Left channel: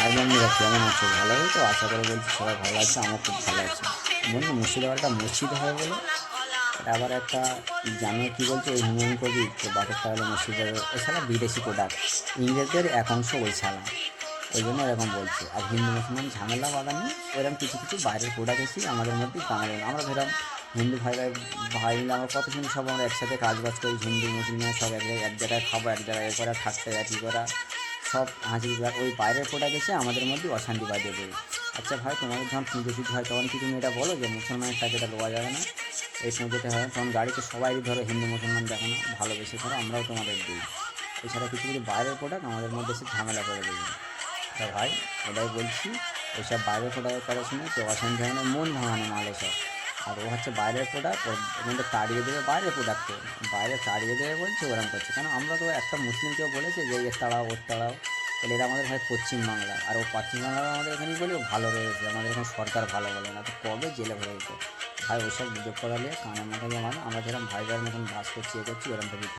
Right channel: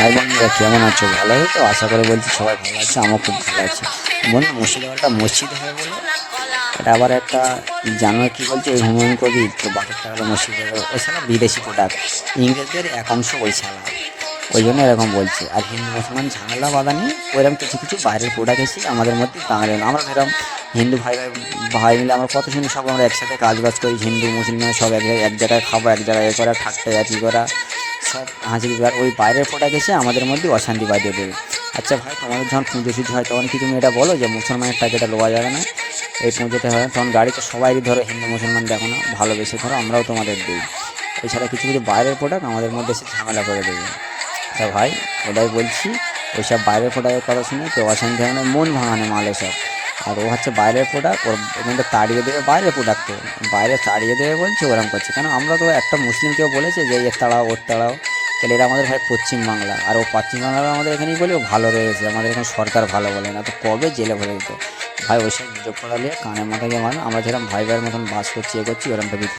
High বন্ধুরা, কেমন আছো? ভালো আছো তো? আশা করে বলছি সবাই ভালো আছে, আমার খুব ভালো আছে। বন্ধু, মুর্শিদাবাদটা মসজিদ হবে বলে এটা আবার একটা জানো কি বলছে, ওই হুমায়ুন কবির তো বাপেরটা হলো মুর্শিদাবাদ, ওই শালা বিদেশি প্রোডাক্ট, ইংরেজদের এক অংশ ওই শালা, ওই জন্য এরকম বলছে। আর হিন্দু মুসলমান ঝামেলা বাধা নিয়ে ওইরকম কিছু কিছু বাইরের প্রোডাক্ট এসে আমাদের মধ্যে বাঙালি আমরা ধরলাম হিন্দু ভাই ভাই ভাই মিলে আমরা কত সুন্দর সব আমরা একসাথে কাজ বাজ করি, হিন্দু মুসলমান সব এক জায়গায় খাবো, এক জায়গায় এ করা, ঠাট্টা একই করা, সব হাসি খুশি। আর ওই বাইরের প্রোডাক্ট এসে আমাদের মধ্যে অশান্তি বাঁধিয়ে দেবে। আচ্ছা ভাই, তোমাদের যখন পুজো সুজো হয় তখন কি তুমি এটা বলো যে মুসলমানের টাকা এটা লওয়া যাবে না, এই পুজোতে হয় তখন গাড়িতে সবাইই ধরো হিন্দু মুসলমান দেখো না ভালোবেসে ধরো আমরাও তোমাদের দিই, এছাড়া কিছু কিছু বাইরের প্রোডাক্ট আমাদের মধ্যে এসে ঝামেলা করে দেবে। তা ভাই, এটাই বলছি, ওইসব বাইরের প্রোডাক্টের কথা শুনে কেউ অশান্তি হবে না, মন ভাঙানো মাল এসব। আর ও হচ্ছে বাইরের প্রোডাক্ট, ওর এখানটা তাড়িয়ে দেবে, বাইরের প্রোডাক্ট তো বাইরে তাড়িয়ে দেবে বলছে, ওরম করছে কেন? আমরা তো একটা মুসলিম কেউ বলেছে যে এর তাড়াও ওর তাড়াও, তাহলে এটা আমাদের ভাই পশ্চিম বাংলা, আর ও পশ্চিম বাংলার আমাদের এখানেই বলে ও ভালো রয়েছে, আমাদের এখানে সরকার ভালো বলে না, তো কবে জেলে ভরে দিত। ভাই ওইসব গুজব করালে কানে মাথায় মানো, আমরা যেরকম ভাই ভাইয়ের মতন বাস করছি এ করছি ওরম ভাবে